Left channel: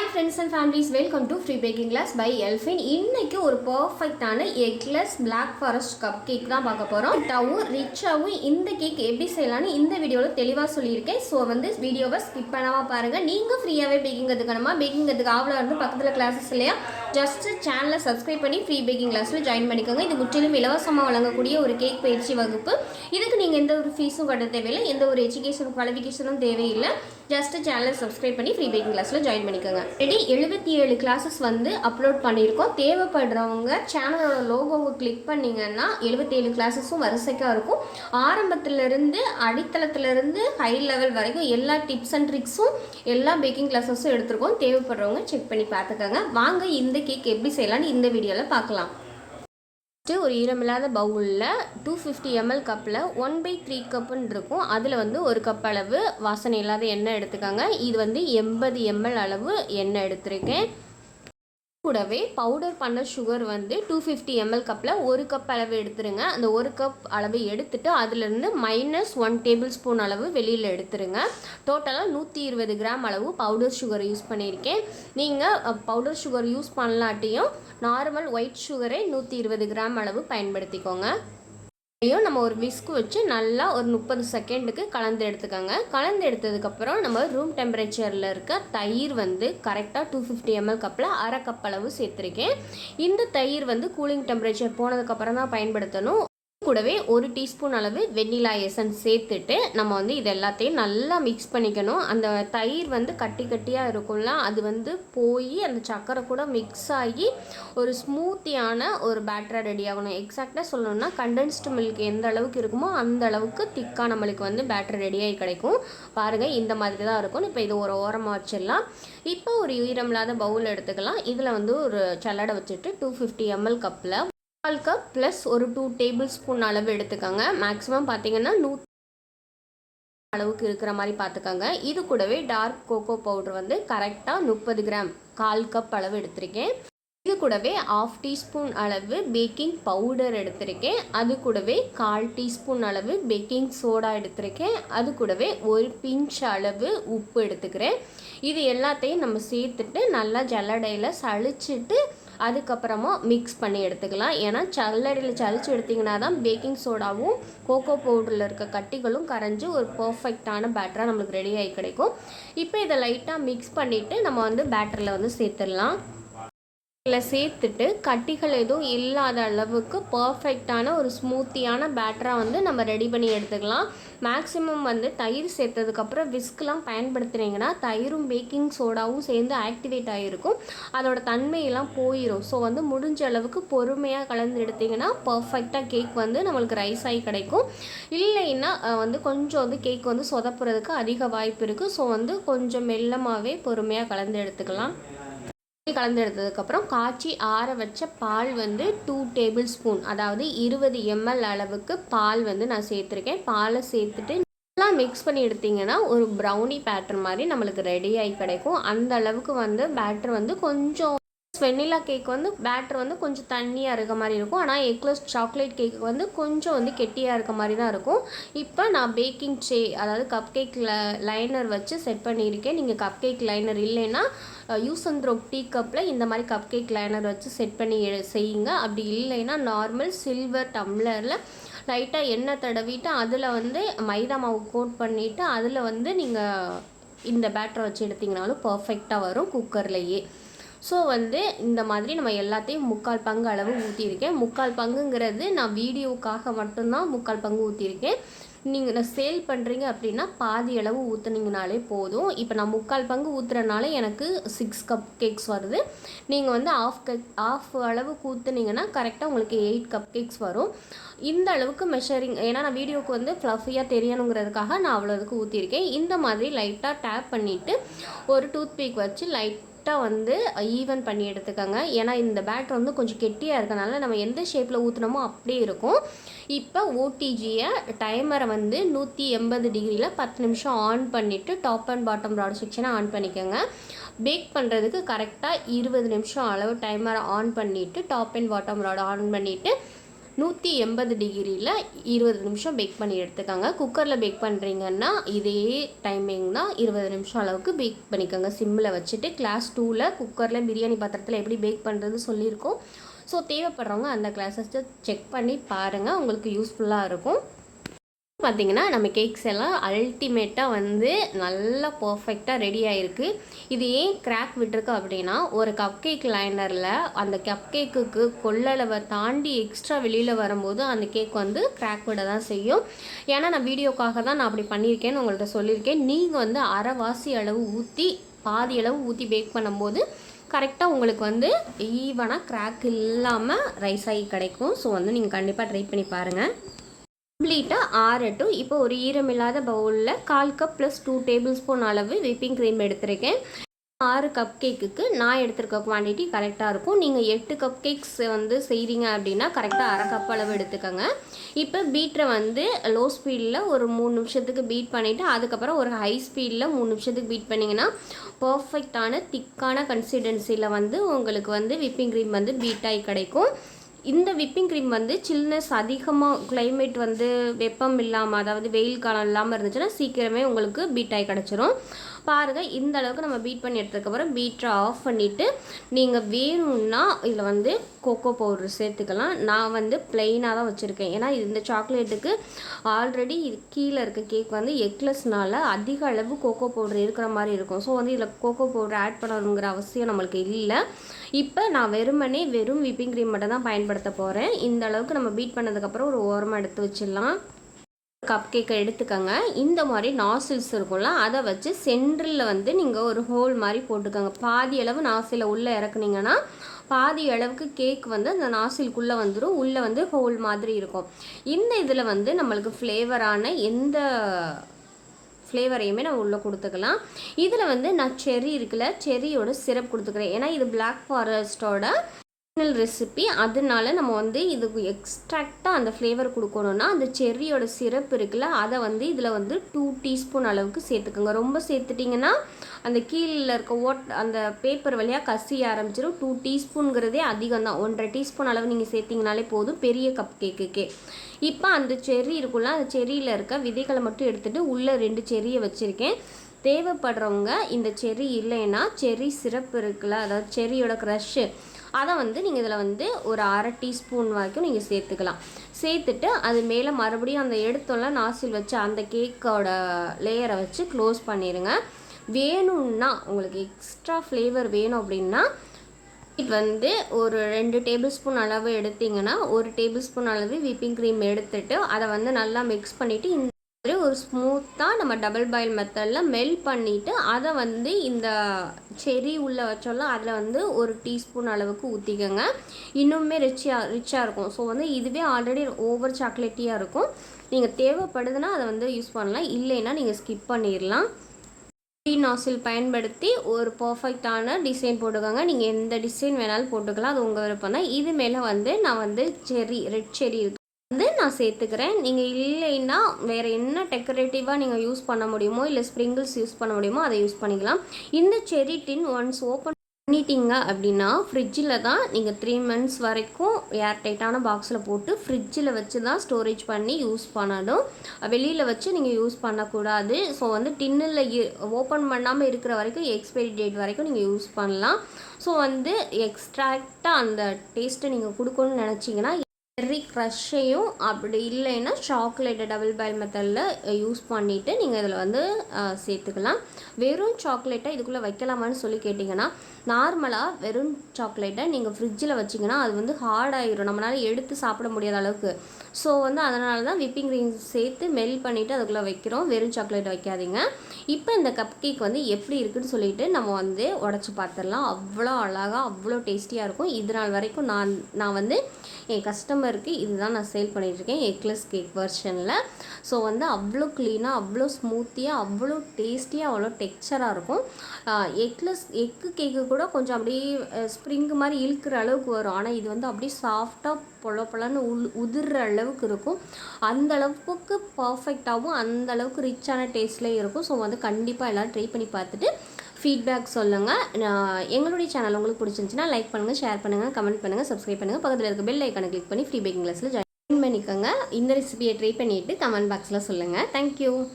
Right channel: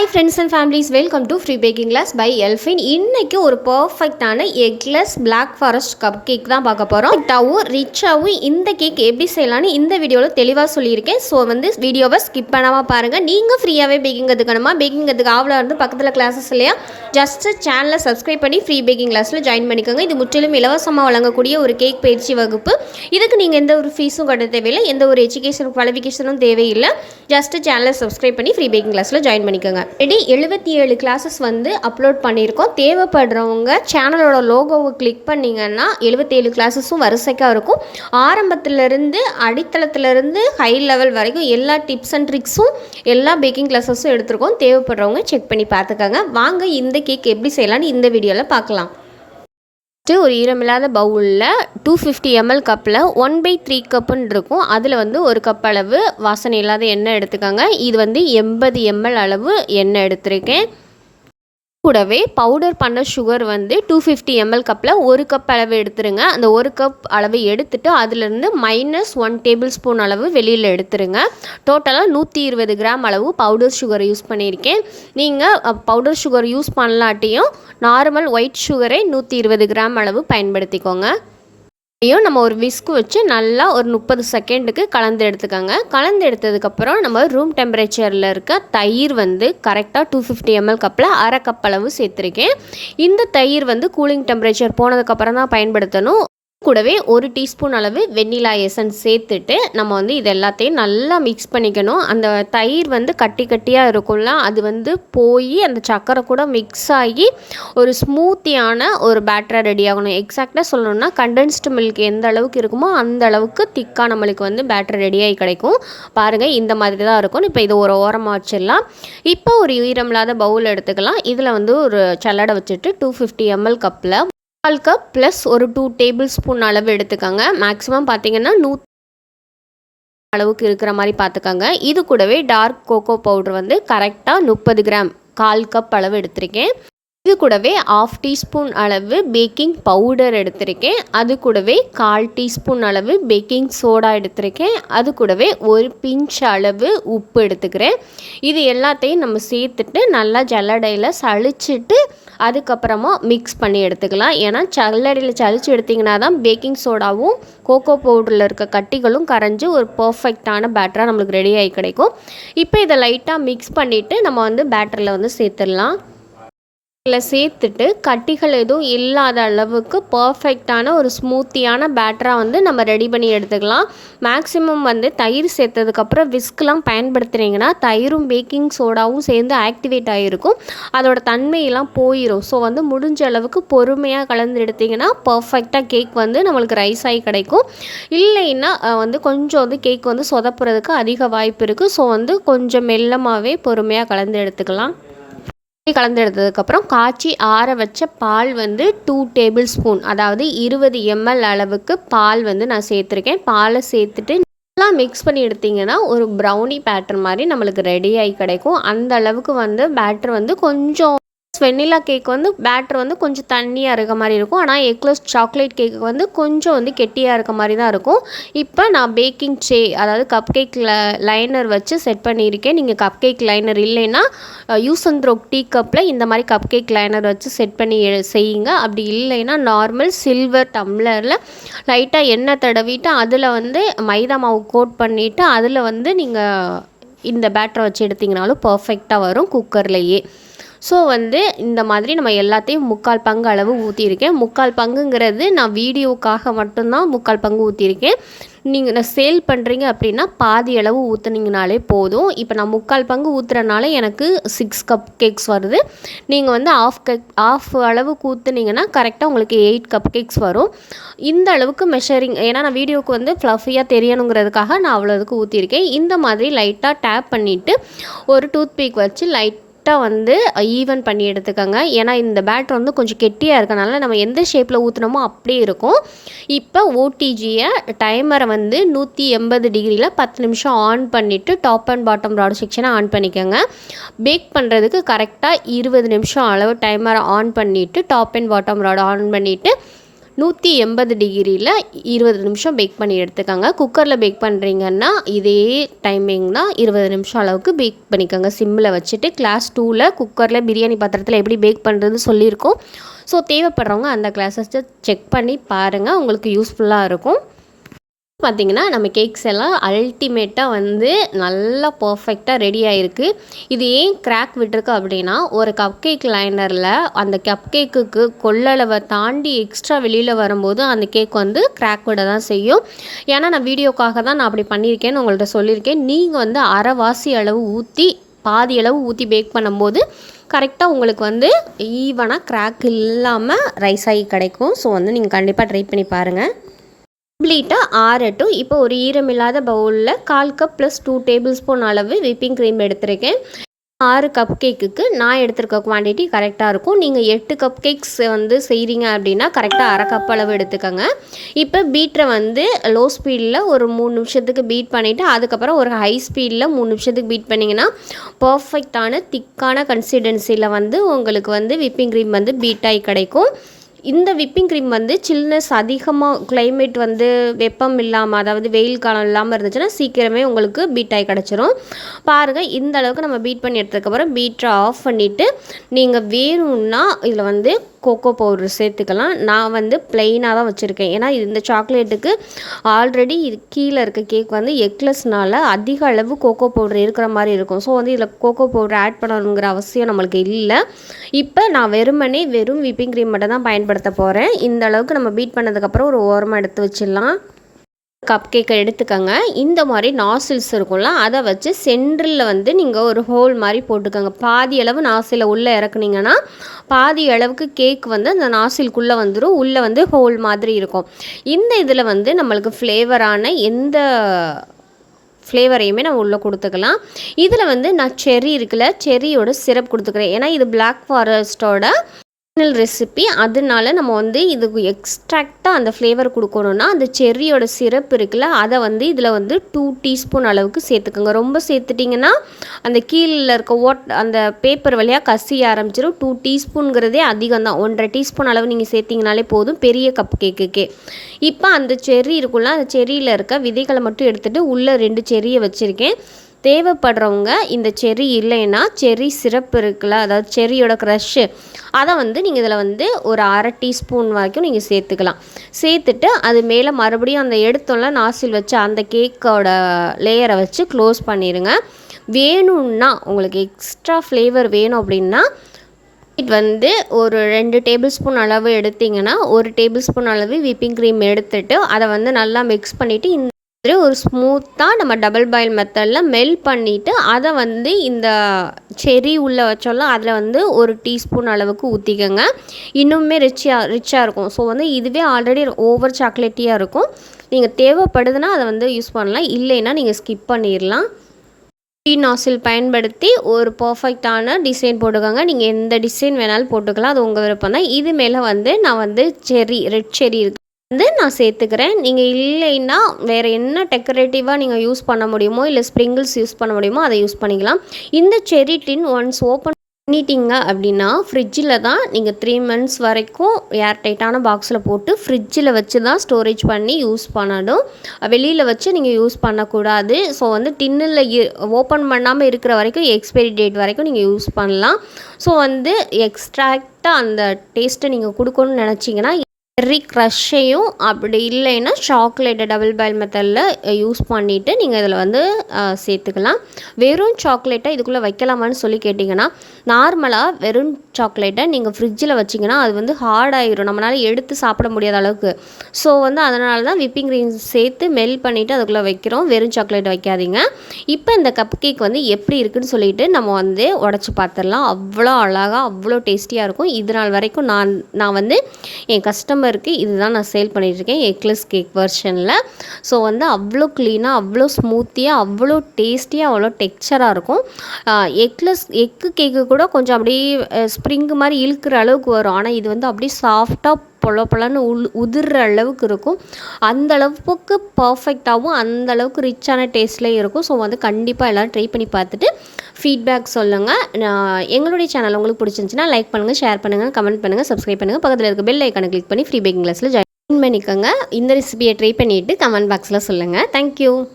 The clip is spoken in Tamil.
Hi friends and families, welcome to Free Baking Class by Elfin. இன்னைக்கு ஒரு பர்ஃபெக்டான eggless black forest cup cake தான் பார்க்க போகிறோம். பர்ஃபெக்டாகவும் ரிச்சாகவும் இந்த கேக் எப்படி செய்யலான்னு இந்த வீடியோவில் தெளிவாக சொல்லியிருக்கேன். ஸோ வீடியோவை ஸ்கிப் பண்ணாமல் பாருங்கள். நீங்கள் ஃப்ரீயாகவே பேக்கிங் கற்றுக்கணுமா, பேக்கிங் கற்றுக்க ஆவலாக இருந்து பக்கத்தில் கிளாஸஸ் இல்லையா, ஜஸ்ட்டு சேனலை சப்ஸ்கிரைப் பண்ணி ஃப்ரீ பேக்கிங் கிளாஸில் ஜாயின் பண்ணிக்கோங்க. இது முற்றிலும் இலவசமாக வழங்கக்கூடிய ஒரு கேக் பயிற்சி வகுப்பு. இதுக்கு நீங்கள் எந்த ஒரு ஃபீஸும் கட்ட தேவையில்லை, எந்த ஒரு எஜுகேஷன் குவாலிஃபிகேஷனும் தேவையில்லை. ஜஸ்ட்டு சேனலை சப்ஸ்கிரைப் பண்ணி ஃப்ரீ பேக்கிங் கிளாஸில் ஜாயின் பண்ணிக்கோங்க. ரெடி 77 கிளாஸஸ் அப்லோட் பண்ணியிருக்கோம். தேவைப்படுறவங்க சேனலோட லோகோவை கிளிக் பண்ணிங்கன்னா 77 கிளாஸஸும் வரிசைக்காக இருக்கும். ஆரம்பத்திலேருந்து அடித்தளத்திலேருந்து ஹை லெவல் வரைக்கும் எல்லா டிப்ஸ் அண்ட் ட்ரிக்ஸும் எல்லா பேக்கிங் கிளாஸஸும் எடுத்துருக்கோம். தேவைப்படுறவங்க செக் பண்ணி பார்த்துக்கோங்க. வாங்க இந்த கேக் எப்படி செய்யலான்னு இந்த வீடியோவில் பார்க்கலாம். ஒரு ஈரமில்லாத பவுலில் 250 ml கப்பில் 1/3 கப்புன்னு இருக்கும். அதில் ஒரு கப் அளவு வாசனை இல்லாத எண்ணெய் எடுத்துக்கோங்க. இது 80 ml அளவு எண்ணெய் எடுத்திருக்கேன். கூடவே பவுடர் பண்ண சுகர் 250 ml கப்பில் ஒரு கப் அளவு எடுத்துருங்க. அந்த ஒரு கப் அளவு எடுத்துட்டு அதிலிருந்து -1 டேபிள் ஸ்பூன் அளவு வெளியில் எடுத்துருங்க. டோட்டலாக 120 கிராம் அளவு பவுடர் சுகரை யூஸ் பண்ணியிருக்கேன். நீங்கள் பவுடர் சுகர் யூஸ் பண்ணலாட்டியும் நார்மல் ஒயிட் சுகரை 120 கிராம் அளவு பயன்படுத்திக்கோங்க. நம்ம ஒரு விஸ்கு வச்சு நல்லா ஒரு 30 செகண்டுக்கு கலந்து எடுத்துக்கோங்க. கலந்து எடுத்ததுக்கப்புறம் நம்ம ரூம் டெம்பரேச்சரில் இருக்க தயிர் கரெக்டாக 250 ml கப்பில் அரை கப் அளவு சேர்த்துருக்கேன். இந்த தயிர் கூலிங் டெம்பரேச்சர் போனதுக்கப்புறம் தான் பயன்படுத்தணும். கூடவே 1 டீஸ்பூன் அளவு வெண்ணிலா எசன்ஸ் சேர்த்துட்டு நம்ம இது எல்லாத்தையும் நல்லா மிக்ஸ் பண்ணிக்கணும். அந்த தயிர் கட்டி கட்டியாக இருக்கும்ல, அது போய் அந்த சக்கரை கூட மிக்ஸ் ஆகி ஒரு ஸ்மூத்தியான ஒரு பேட்டரை ரெடி ஆகணும். எக்ஸாக்டாக சொல்லணும்னா கண்டென்ஸ்டு மில்க் எந்த அளவுக்கு இருக்குமோ அந்த அளவுக்கு திக்காக நம்மளுக்கு பேட்டர் ரெடியாகி கிடைக்கும். பாருங்கள், இந்த மாதிரி தான் இருக்கும். இப்போ இது ஒரு ஓரமாக வச்சிடலாம். இப்போ ஒரு ஈரமில்லாத பவுல் எடுத்துக்கலாம். இதில் ஒரு சல்லடை வச்சுட்டு 250 ml கப்பில் 1/4 கப் ப்ளஸ் ஒரு 2 டேபிள் ஸ்பூன் அளவு எடுத்துக்கோங்க. மேக்ஸிமம் பார்த்தீங்கன்னா 100 அளவுக்கு இருக்கிற மாதிரி பார்த்துக்கோங்க. இது கூடவே டார்க் கோகோ பவுடர் கரெக்டாக 30 கிராம் 1/4 கப் அளவு எடுத்திருக்கேன். இது கூடவே 1/2 டீஸ்பூன் அளவு பேக்கிங் பவுடர் எடுத்திருக்கேன். அது கூடவே 1/4 டீஸ்பூன் அளவு பேக்கிங் சோடா எடுத்திருக்கேன். அது கூடவே ஒரு பிஞ்ச் அளவு உப்பு எடுத்துக்கிறேன். இது எல்லாத்தையும் நம்ம சேர்த்துட்டு நல்லா ஜல்லடையில் சளிச்சிட்டு அதுக்கப்புறமா மிக்ஸ் பண்ணி எடுத்துக்கலாம். ஏன்னா சல்லடையில் சளிச்சு எடுத்திங்கன்னா தான் பேக்கிங் சோடாவும் கோகோ பவுடரில் இருக்க கட்டிகளும் கரைஞ்சி ஒரு பர்ஃபெக்டான பேட்டராக நம்மளுக்கு ரெடி ஆகி கிடைக்கும். இப்போ இதை லைட்டாக மிக்ஸ் பண்ணிவிட்டு நம்ம பேட்டரில் சேர்த்துடலாம். இதில் சேர்த்துட்டு கட்டிகள் எதுவும் இல்லாத அளவுக்கு பர்ஃபெக்டான ஒரு ஸ்மூத்தியான பேட்டராக நம்ம ரெடி பண்ணி எடுத்துக்கலாம். மேக்ஸிமம் தயிர் சேர்த்ததுக்கப்புறம் விஸ்க்லாம் பயன்படுத்துனீங்கன்னா தயிரும் பேக்கிங் சோடாவும் சேர்ந்து ஆக்டிவேட் ஆகிருக்கும். அதோட தன்மையெல்லாம் போயிடும். ஸோ முடிஞ்ச அளவுக்கு பொறுமையாக கலந்து எடுத்திங்கன்னா பர்ஃபெக்டாக கேக் நம்மளுக்கு ரைஸ் ஆகி கிடைக்கும். இல்லைன்னா கொஞ்சம் கேக் சொதப்புறதுக்கு அதிக வாய்ப்பு இருக்குது. ஸோ கொஞ்சம் மெல்லமாகவே பொறுமையாக கலந்து எடுத்துக்கலாம். கலந்து எடுத்ததுக்கப்புறம் காய்ச்சி ஆற வச்ச பால் 2 டேபிள் ஸ்பூன், அதாவது 20 ml அளவுக்கு பால் நான் சேர்த்துருக்கேன். பாலை சேர்த்துட்டு நல்லா மிக்ஸ் பண்ணி எடுத்திங்கன்னா ஒரு ப்ரௌனி பேட்டர் மாதிரி நம்மளுக்கு ரெடி ஆகி கிடைக்கும். அந்த அளவுக்கு பேட்டர் கொஞ்சம் வெண்ணிலா கேக் பேட்டர் கொஞ்சம் தண்ணியாக இருக்க மாதிரி இருக்கும். ஆனால் எக்லெஸ் சாக்லேட் கேக்கு கொஞ்சம் கெட்டியாக இருக்க மாதிரி தான் இருக்கும். இப்போ நான் பேக்கிங் ட்ரே, அதாவது கப் கேக் லைனர் வச்சு செட் பண்ணியிருக்கேன். நீங்கள் கப் கேக் லைனர் இல்லைன்னா யூஸ் அண்ட் த்ரோ டீ கப்பில் இந்த மாதிரி கப் கேக் லைனர் வச்சு செட் பண்ணி செய்யுங்க. அப்படி இல்லைன்னா நார்மல் சில்வர் டம்ளரில் லைட்டாக எண்ணெய் தடவிட்டு அதில் மைதா மாவு கோட் பண்ணிவிட்டு அதில் நீங்கள் இந்த பேட்டரை வச்சு எடுத்திங்கனாலும் பர்ஃபெக்டாக வரும் குக்கர்லேயே. ஸோ இந்த மாதிரி நம்ம எல்லாத்தையும் 3/4 பங்கு அளவு ஊற்றியிருக்கேன். 3/4 பங்குங்கிறது நான் வீடியோக்காக மட்டும்தான் 3/4 பங்கு ஊற்றியிருக்கேன். நீங்கள் நான் சேல் பண்ணுறீங்க அப்படின்னா பாதி அளவு ஊற்றுனீங்கனாலே போதும். இப்போ நான் 3/4 பங்கு ஊற்றுறனால எனக்கு 6 கப் கேக்ஸ் வருது. நீங்கள் ஆஃப் அளவுக்கு ஊற்றுனீங்கன்னா கரெக்டாக உங்களுக்கு 8 கப் கேக்ஸ் வரும். இந்த அளவுக்கு மெஷரிங், ஏன்னா நான் வீடியோவுக்கு ஃப்ளஃபியாக தெரியணுங்கிறதுக்காக நான் அவ்வளோதுக்கு ஊற்றிருக்கேன். இந்த மாதிரி லைட்டாக டேப் பண்ணிவிட்டு ஒரு டூத்பிக் வச்சு லைட்டாக ஈவன் பண்ணி எடுத்துக்கோங்க. ஏன்னா இந்த பேட்டர் கொஞ்சம் கெட்டியாக இருக்கனால நம்ம எந்த ஷேப்பில் ஊற்றுனோமோ அப்படியே இருக்கும். இப்போ ஓடிஜியை டைமரை 180 டிகிரியில் 10 நிமிஷம் ஆன் பண்ணிவிட்டு டாப் அண்ட் பாட்டம் ராட் செக்ஷனை ஆன் பண்ணிக்கோங்க. பேக் பண்ணுறதுக்கு கரெக்டாக 20 நிமிஷம் அளவு டைமரை ஆன் பண்ணிவிட்டு top and bottom rod on பண்ணிவிட்டு 180 டிகிரியில் 20 நிமிஷம் பேக் பண்ணி எடுத்துக்கோங்க. குக்கரில் பேக் பண்ணுறீங்கன்னா இதே டைமிங் தான், 20 நிமிஷம் அளவுக்கு பேக் பண்ணிக்கோங்க. சிம்மில் வச்சுட்டு கிளாஸ் 2ல் குக்கரில் பிரியாணி பாத்திரத்தில் எப்படி பேக் பண்ணுறது சொல்லியிருக்கோம். ஸோ தேவைப்படுறவங்க அந்த கிளாஸஸை செக் பண்ணி பாருங்கள், உங்களுக்கு யூஸ்ஃபுல்லாக இருக்கும். பார்த்திங்கன்னா நம்ம கேக்ஸ் எல்லாம் அல்டிமேட்டாக வந்து நல்லா பர்ஃபெக்டாக ரெடி ஆகிருக்கு. இது ஏன் கிராக் விட்டுருக்கு அப்படின்னா, ஒரு கப் கேக் லைனரில் அந்த கப் கேக்குக்கு கொள்ளளவை தாண்டி எக்ஸ்ட்ரா வெளியில் வரும்போது அந்த கேக் வந்து கிராக் விட தான் செய்யும். ஏன்னா நான் வீடியோக்காக தான் நான் அப்படி பண்ணியிருக்கேன்னு உங்கள்கிட்ட சொல்லியிருக்கேன். நீங்கள் வந்து அரைவாசி அளவு ஊற்றி பாதி அளவு ஊற்றி பேக் பண்ணும்போது கரெக்டாக உங்களுக்கு வந்து ஈவனாக கிராக் இல்லாமல் ரைஸ் ஆகி கிடைக்கும். ஸோ வந்து நீங்கள் கண்டிப்பாக ட்ரை பண்ணி பாருங்கள். கம்ப்ளீட்டாக ஆறட்டும். இப்போ ஒரு ஈரமில்லாத பவுலில் 1/4 கப் ப்ளஸ் 2 டேபிள் ஸ்பூன் அளவு விப்பிங் க்ரீம் எடுத்திருக்கேன். 6 கப் கேக்குக்கு நான் எடுத்திருக்க குவான்டிட்டி கரெக்டாக இருக்கும். நீங்கள் 8 கப் கேக்ஸ் வந்து செய்கிறீங்க அப்படின்னா கரெக்டாக 1/2 கப் அளவு எடுத்துக்கோங்க. இப்போ பீட்டரை வந்து லோ ஸ்பீடில் ஒரு 3 நிமிஷத்துக்கு பீட் பண்ணிவிட்டு அதுக்கப்புறம் ஒரு ஹை ஸ்பீடில் 3 நிமிஷத்துக்கு பீட் பண்ணிங்கன்னா பர்ஃபெக்டான திக்கான கன்சிஸ்டன்சியில் வந்து உங்களுக்கு வந்து விப்பிங் க்ரீம் வந்து பீட் ஆகி கிடைக்கும். இந்த விப்பிங் க்ரீம் வந்து சில்னஸ் அதிகமாக கிளைமேட் வந்து வெப்பம் இல்லாமல், அதாவது வெயில் காலம் இல்லாமல் இருந்துச்சுன்னா சீக்கிரமே உங்களுக்கு பீட் ஆகி கிடச்சிரும். பாருங்கள், இந்த அளவுக்கு நம்ம பீட் பண்ணி எடுத்ததுக்கப்புறம் பீட்டரை ஆஃப் பண்ணிவிட்டு நீங்கள் வேணும்னா இதில் வந்து கோகோ பவுடர் சேர்த்துக்கலாம். நான் வந்து ப்ளெயினாக தான் வச்சுருக்கேன். ஏன்னா இந்த சாக்லேட்டுக்கு ஆல்ரெடி இது கீழே இருக்க கேக் வந்து எக்லெஸ்னால் அதிக அளவு கோகோ பவுடர் இருக்கிற மாதிரி இருக்கும். ஸோ வந்து இதில் கோகோ பவுடர் ஆட் பண்ணணுங்கிற அவசியம் நம்மளுக்கு இல்லை. இப்போ நான் வெறும் விப்பிங் க்ரீம் மட்டும் தான் பயன்படுத்த போகிறேன். இந்த அளவுக்கு நம்ம பீட் பண்ணதுக்கப்புறம் ஒரு ஓரமாக எடுத்து வச்சிடலாம். கப் கேக்கை எடுத்துக்கோங்க. இந்த மாதிரி நாசில்ஸ் இருக்கும்ல, அதை வச்சு சென்டரில் வந்து நீங்கள் ஒரு ஹோல் மாதிரி போட்டுக்கோங்க. பாதி அளவு நாசிலை உள்ளே இறக்குனீங்கன்னா பாதி அளவுக்கு கேக் வந்து அந்த நாசிலுக்குள்ளே வந்துடும். உள்ளே வந்து ஹோல் மாதிரி இருக்கும். இந்த இதில் வந்து நம்மளுக்கு ஃப்ளேவரான எந்த ஃப்ளேவரையுமே நம்ம உள்ளே கொடுத்துக்கலாம். இதில் வந்து நான் செர்ரி இருக்குல்ல, செர்ரியோட சிரப் கொடுத்துக்கிறேன். ஏன்னா இது பிளாக் ஃபாரஸ்ட்டோட ரெசிபி. அதனால நம்ம வந்து இதுக்கு எக்ஸ்ட்ராக்டாக அந்த ஃப்ளேவர் கொடுக்கணுன்னா அந்த செர்ரியோட சிரப் இருக்குல்ல, அதை வந்து இதில் வந்து 2 டீஸ்பூன் அளவுக்கு சேர்த்துக்கோங்க. ரொம்ப சேர்த்துட்டிங்கன்னா அந்த கீழே இருக்க அந்த பேப்பர் வழியாக கசிய ஆரம்பிச்சிடும். 2 டீஸ்பூனுங்கிறதே அதிகம் தான். 1.5 டீஸ்பூன் அளவு நீங்கள் சேர்த்திங்கனாலே போதும் பெரிய கப் கேக்குக்கே. இப்போ அந்த செர்ரி இருக்குல்ல, அந்த செர்ரியில் இருக்க விதைகளை மட்டும் எடுத்துகிட்டு உள்ளே 2 செர்ரியை வச்சுருக்கேன். தேவைப்படுறவங்க இந்த செர்ரி இல்லைன்னா செர்ரி சிரப் இருக்குல்ல, அதாவது செர்ரியோட க்ரஷ்ஷு, அதை வந்து நீங்கள் இதில் வந்து ஒரு 1/2 டீஸ்பூன் வரைக்கும் நீங்கள் சேர்த்துக்கலாம். சேர்த்துட்டு அது மேலே மறுபடியும் அந்த எடுத்தோம்ல நாசில் வச்சு அந்த கேக்கோட லேயரை வச்சு க்ளோஸ் பண்ணிடுங்க. வேணும்னா உங்களுக்கு எக்ஸ்ட்ரா ஃப்ளேவர் வேணும் அப்படின்னா இது வந்து ஒரு 2 டேபிள் ஸ்பூன் அளவு எடுத்திங்கன்னா 1 டேபிள் ஸ்பூன் அளவு விப்பிங் க்ரீம் எடுத்துகிட்டு அதை வந்து நல்லா மிக்ஸ் பண்ணிவிட்டு இந்த ஒரு ஸ்மூத்தாக நம்ம டபுள் பாயில் மெத்தடில் மெல்ட் பண்ணிவிட்டு அதை வந்து இந்த செர்ரி உள்ளே வச்சோம்ல அதில் வந்து 1 டீஸ்பூன் அளவுக்கு ஊற்றிக்கோங்க. இன்னுமே ரிச்சாக இருக்கும். ஸோ வந்து இதுவே ஆல்ரெடி ஓவர் சாக்லேட்டியாக இருக்கும். நீங்கள் தேவைப்படுதுன்னா அதை வந்து யூஸ் பண்ணலாம், இல்லைன்னா நீங்கள் ஸ்கிப் பண்ணிடலாம். நாசில் பயன்படுத்தி ஒரு பர்ஃபெக்டான டிசைன் போட்டுக்கோங்க. நீங்கள் எந்த டிசைன் வேணாலும் போட்டுக்கலாம், அது உங்கள் விருப்பம் தான். இது மேலே வந்து நான் வந்து ரெட் செர்ரி இருக்கு வந்து நான் சேர்த்துக்கிறேன். நீங்கள் இல்லைன்னா வேறு என்ன டெக்கரேட்டிவாக நீங்கள் யூஸ் பண்ண முடியுமோ, இல்லை ஸ்ப்ரிங்கிள்ஸ் யூஸ் பண்ண முடியுமோ அதை யூஸ் பண்ணிக்கலாம். இந்த செர்ரி டின் ஒன்ஸ் ஓப்பன் பண்ணிட்டீங்க அப்படின்னா ஃப்ரிட்ஜில் தான் நீங்கள் 3 months வரைக்கும் ஏர் டைட்டான பாக்ஸில் போட்டு ஃப்ரிட்ஜில் வச்சு தான் ஸ்டோரேஜ் பண்ணி யூஸ் பண்ணணும். வெளியில் வச்சு நீங்கள் யூஸ் பண்ணக்கூடாது. ஸோ வந்து டின்னில் ஓப்பன் பண்ணாமல் இருக்கிற வரைக்கும் எக்ஸ்பைரி டேட் வரைக்கும் நீங்கள் யூஸ் பண்ணலாம். ஸோ வந்து எக்ஸ்ட்ராக்டாக அந்த டேஸ்ட்டை நீங்கள் கொடுக்கணும்னு நினச்சிங்கன்னா செர்ரி க்ரஷ்ஷையும் அப்படி இல்லைன்னா சாக்லேட்டை டபுள் பாயில் மெத்தடில் யூஸ் பண்ணிவிட்டு நீங்கள் இதில் வந்து சேர்த்துக்கலாம். வெறும் சாக்லேட்டை இதுக்குள்ளே வைக்கலாமான்னு சொல்லி கேட்டிங்கன்னா, நார்மலாக வெறும் சாக்லேட்டை நீங்கள் ஃப்ரிட்ஜில் வச்சிங்கன்னா அது வந்து ஹார்ட் ஆகிரும், நம்மளால் எடுத்து சாப்பிட முடியாத அளவுக்கு. ஸோ வந்து அதனால தான் விப்பிங் க்ரீம் சேர்த்து மெல்ட் பண்ணிவிட்டு அதுக்குள்ளே வைக்கிறோம். வெறும் சாக்லேட் வைக்காதீங்க. இப்போ இந்த கப் கேக் வந்து எப்படி இருக்குதுன்னு சொல்லிட்டு நம்ம வந்து உடச்சி பார்த்துடலாம். அவ்வளோ அழகாக அவ்வளோ டேஸ்டியாக இருக்கும். இது நாள் வரைக்கும் நான் வந்து என் கஸ்டமருக்கு இதுதான் நான் சேல் பண்ணிகிட்ருக்கேன், எக்லெஸ் கேக் வெர்ஷனில். ஸோ வந்து அவ்வளோ க்ளீனாக, அவ்வளோ ஸ்மூத்தியாக, அவ்வளோ டேஸ்டியாக, அவ்வளோ டெக்ஸ்சராக இருக்கும். எக்கு கேக்கு கூட கொஞ்சம் அப்படியே ஸ்ப்ரிங்கு மாதிரி இழுக்கிற அளவுக்கு வரும். ஆனால் இது வந்து அப்படியே சாஃப்டாக பொலன்னு உதிர்ற அளவுக்கு இருக்கும். அந்த அளவுக்கு பர்ஃபெக்டாகவும் அந்த அளவுக்கு ரிச்சான டேஸ்ட்லேயும் இருக்கும். ஸோ வந்து கண்டிப்பாக எல்லோரும் ட்ரை பண்ணி பார்த்துட்டு ஃபீட்பேக் சொல்லுங்கள். எங்களுடைய சேனல் உங்களுக்கு பிடிச்சிருந்துச்சின்னா லைக் பண்ணுங்கள், ஷேர் பண்ணுங்கள், கமெண்ட் பண்ணுங்கள், சப்ஸ்கிரைப் பண்ணுங்கள். பக்கத்தில் இருக்க பெல் ஐக்கானை கிளிக் பண்ணி ஃப்ரீ பேக்கிங் கிளாஸில் பண்ணிக்கோங்க. இந்த ரெசிபியை ட்ரை பண்ணிவிட்டு கமெண்ட் பாக்ஸில் சொல்லுங்கள். தேங்க்யூ.